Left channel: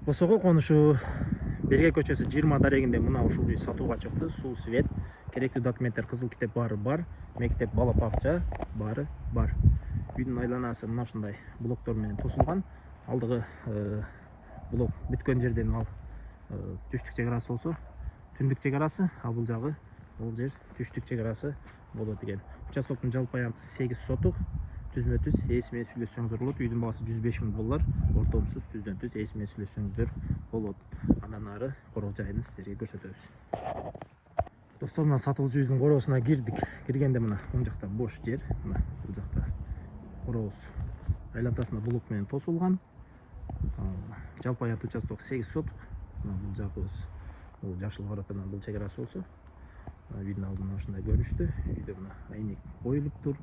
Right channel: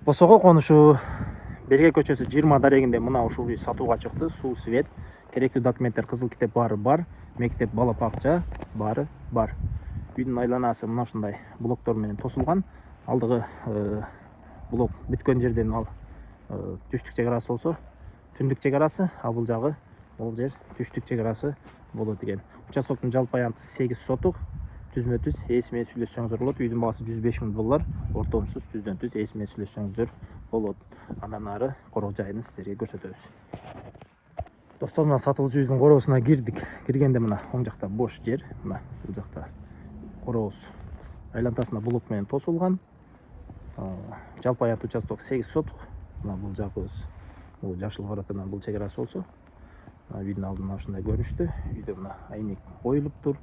Акбосого конушу Берге көчөсү 20 дарегинде мына ушул үй сатууга чыкты. Суу, свет, керектүү документтер, кызыл китеп баары бар. Мектеп, бала бакча баары бар. Үйдүн айланасы мына ушундай блоктор менен тосулган. Алдыгы блок бүткөн жерден ал түштүк чек арасы болсо, түндүк чек арасы, а бул жагы ол жер түштүк чек арасы болот экен. Участоктун жалпы аянты 8 сотук. Түзмө-түз эсимен сүйлөшсөңүздөр болот. Үйдүн баасы 105 000 доллар. Ортомсуз түздөн-түз эсимен сүйлөшсөңүздөр болот. Андан ары короо жайын сиздерге көрсөтөбүз. Достор, мына сатылчу үйдүн короосуна кирдик. Киргенде мына оң жакта бош жер, мына бул жакта корообуз айлантасына блок менен тосулган. Жалпы аянт участок 8 сотук. Мына бул жагыбыз бул жашыл баратынан бул чек арасы болсо, мына үйдүн алдына ушундай көрүнүштү. Үйдө мына айнек коюлуп тур.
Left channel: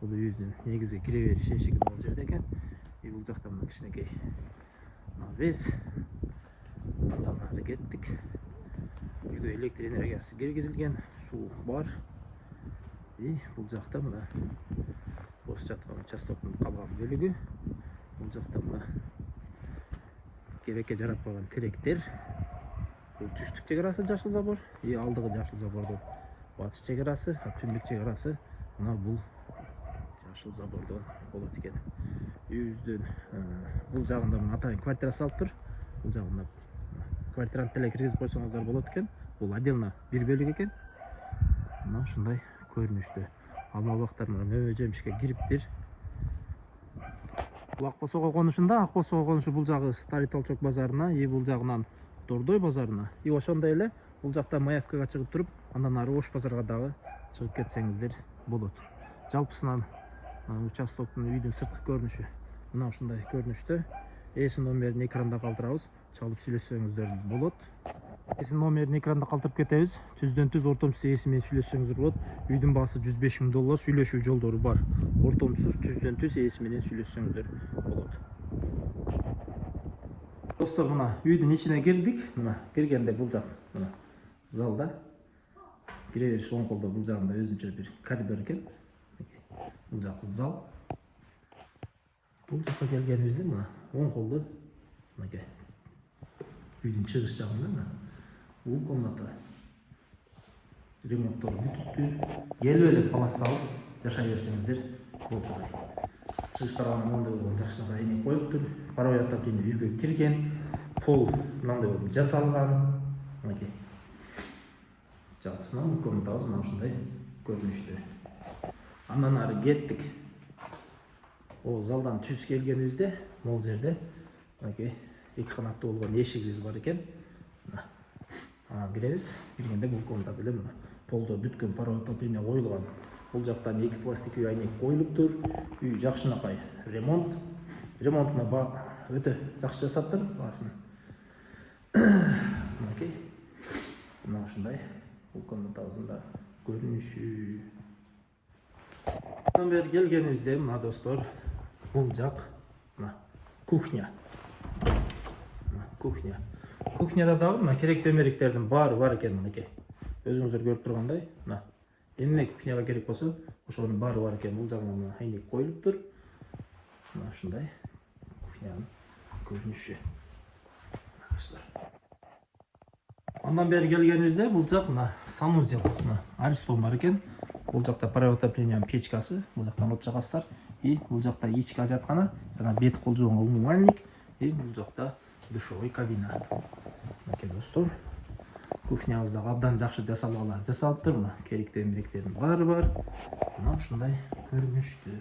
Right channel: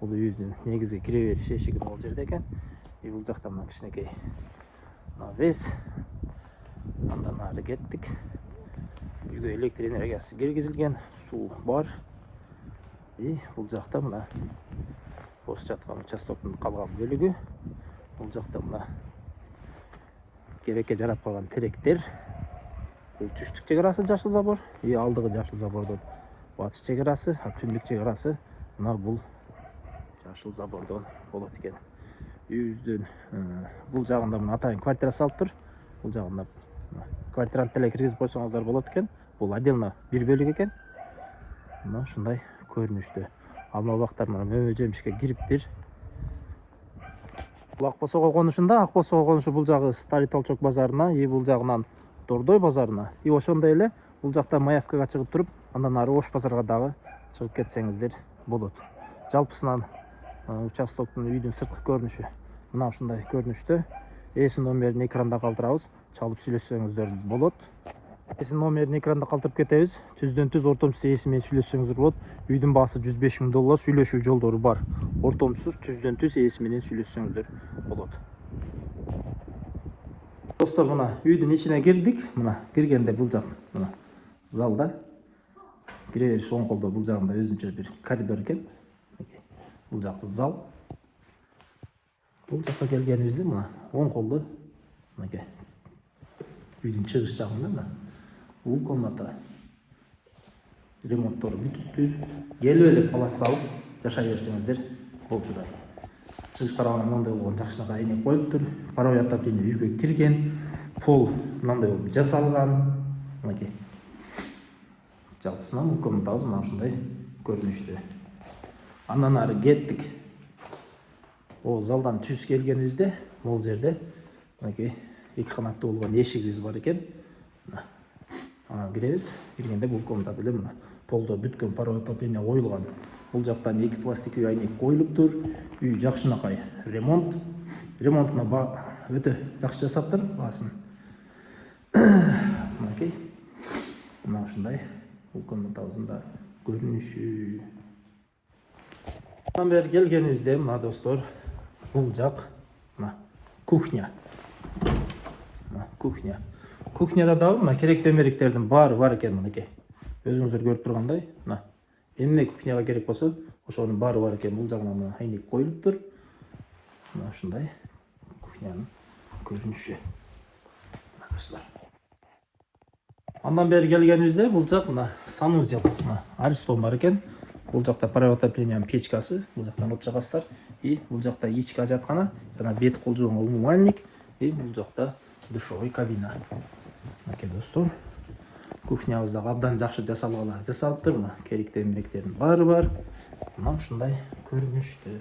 Бул үйдүн негизги кире бериш эшиги бул жерде экен. Бул жакта мына кичинекей навес. Андан ары кеттик. Үйгө электр энергиясы киргизилген, суу бар. Бул жакта мына бос жаткан участоктун калган бөлүгү. Бул жакта мына керекке жарап калган теректер. Бул түштүк чек арасы жашыл забор. Алдыгы жашыл забордон батыш чек арасы, түндүк чек арасы мына бул жашыл забордон болот экен. Үйүбүздүн бул жагында мына атайын квартира салып тур. Бул жагында квартирант деле киргизип койсоңуздар болот экен. Бул отдельно бир бөлүк экен. Мына ушундай көрүнүштү. Алма бактар мына мөмөжөмүшкө кириптир. Бул Акбосого конушунда, Акбосого конушу бул жагы Старый Толчок базарына, бул жагынан Тордой базарына, ошондой эле бул жакта Маевкага чыгып туруп, андан ары Ош базарга дагы чыгып кетсеңиздер болот. Жалпысынан участоктун үйдүн сырткы көрүнүшү мына ушундай көрүнүштө. Эсин номерин экранда калтырабыз, чалып сүйлөшсөңүздөр болот. Эсин номерин экранда калтырып кетебиз. Түздөн-түз ортомсуз эси менен сүйлөшсөңүздөр болот. Үйдүн баасы 105 000 доллар, сүйлөшүү жолдору бар. Ортомсуз түздөн-түз эси менен сүйлөшсөңүздөр болот. Достор, мына үйдүн ичине кирдик. Мына киргенде бул жак мына залда кире бериш оң колдо, бул жагында өзүнчө бир коридор экен. Бул жак зал. Бул жакка келгенибизде мына оң колдо мынакей үйдүн чыгыш жагында мына бул комната ремонттору бүтүптүр. Келип эле палас салып жашай берсеңиздер болчудай. Чыгыш тарабына мындай болгон жакшынакай айнек коюп тур. Паровой отопление үйгө кирген. Пол мындай болуп жасалган. Мынакей. Жалпысынан бул комнатабыз мына ушундай көрүнүштү. Андан ары кеттик. Ол залдан түз келгенибизде, бул жерде мынакей 2 канаттуу болгон эшигибиз бар экен. Анан киребиз. Киргенде бул комната деле мына полдо бүткөн паровой отопление коюлган. Бул жактан 2 пластиковый айнек коюлуп тур. Үй жакшынакай ремонт. Ремонтуна өтө жакшы жасаптыр баасын. Мынакей. Мына ушундай бул комнатабыздын да көрүнүшү. Андан бери келгенибизде мына достор, бул жак мына кухня. Кухня. Кухняда дагы мына керектүү эмеректердин баары бар экен мынакей. Өзүңүздөр көрүп тургандай, мына эмне кухняга керек болсо, ошонун баары бар экен. Бул жагына мына айнек коюлуп тур. Мына ушундай кухнянын көрүнүшү. Достор. Андан бери келгенибизде бул жак мына санузел, мына аристон бар экен. Бул жакта паровой отоплениянын печкасы, бул жактан от жагасыздар. Бул жакта ички ажаткана, жана бет кол жуган умывальник, бул жакта душевой кабина. Мынакей достор. Кухнябыз да абдан жакшы жасалгалар жасалыптыр. Мына керектүү эмеректердин баары бар. Мына ушундай көрүнүштү.